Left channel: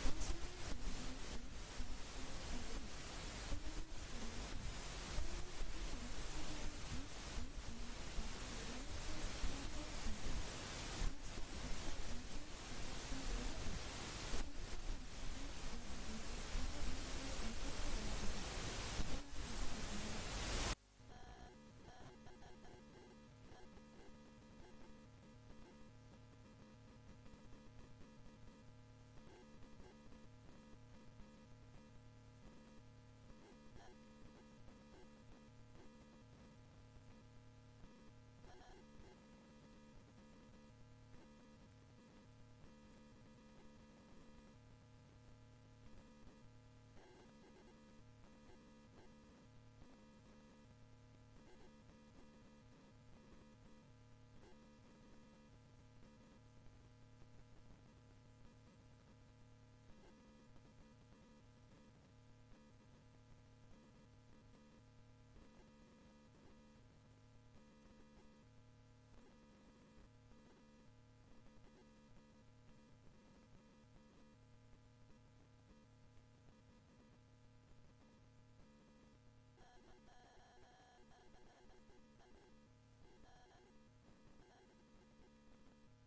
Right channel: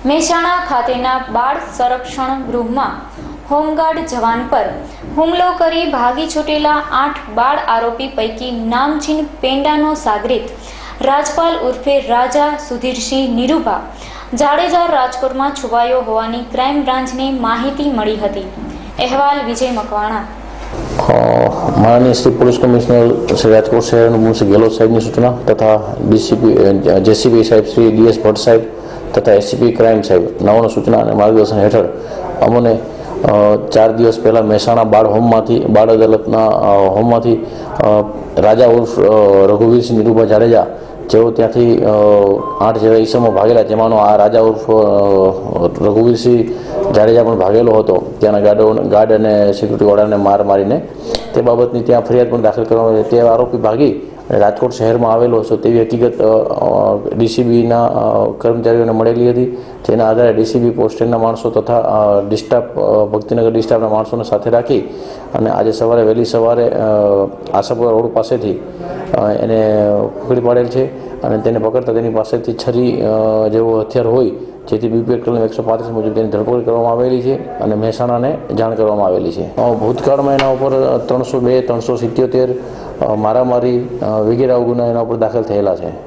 મહેસાણા ખાતેના બાળ સંરક્ષણ ગૃહમાં હોમગાર્ડ જવાન પર હુમલો કરી ભાગી છૂટેલા આઠ બાળ આરોપી પૈકી નામચીન પેંડાનો સાગરીત રાજપાલ ઉર્ફે રાજા સુધીરસિંહ નિરૂભા જાડેજા રાજકોટમાં છુપાયો હોવાની ક્રાઇમ બ્રાન્ચને માહિતી મળી હતી. અહેવાલ વિજય મકવાણા. માનનીય શ્રી પોલીસ કમિશનર શ્રી રાજકોટ શહેરનું મું શ્રી ગેહલોત સાહેબની સૂચના તથા ડીસીપી જેસીપી સાહેબ શ્રી ડીએસ ભટ્ટ સાહેબ તથા એસીપી ક્રાઇમ સાહેબ, નવોના સૂચના અને માર્ગદર્શન હેઠળ અમને ચાર દિવસ પહેલાં મહેસાણા બાળ હોમમાંથી, બાળ અદાલતના હોમમાંથી રાજા ઉર્ફ રઘુવીરસિંહ નિરૂભા જાડેજા, જેઓ ત્યાંથી આઠ જેવા ઈસમો ભાગેલા, જેમાંનો આ રાજા ઉર્ફ રઘુવીરસિંહ જાડેજા પણ ભાગેલો હતો. ત્યાંના ગાર્ડો ગાર્ડ અને સિક્યુરિટીવાળાને માર મારીને તે બાબતની ત્યાં ફરિયાદ પણ દાખલ કરવામાં આવી તે આરોપી ભાગી અને રાજકોટ શહેરમાં આવેલો હતો. તેવી હકીકત ડીસીબીના કર્મચારીઓને મળેલી હતી. જેના આધારે ડીસીબી પોસ્ટેડના માણસો તથા ડિસ્ટાફ ભક્તિનગર ડિસ્ટાફના માણસોને સાથે રાખી અને આજે સવારે, વહેલી સવારે આશાપુરા રોડ પાસેથી એને પકડી પાડેલ છે અને તેને પકડતા તેની પાસેથી છરી જેવો હથિયાર હોય જેથી બીપીએલ કલમ એકસો પાંત્રીસ મુજબ તેની ધરપકડ કરવામાં આવેલી છે અને મહેસાણાને જાણ કરવામાં આવેલી છે. ભૂતકાળમાં એના ઉપર ત્રણસો બે, ત્રણસો સિત્યોતેર મારામારી વગેરે ગુના એના ઉપર દાખલ થયેલા છે.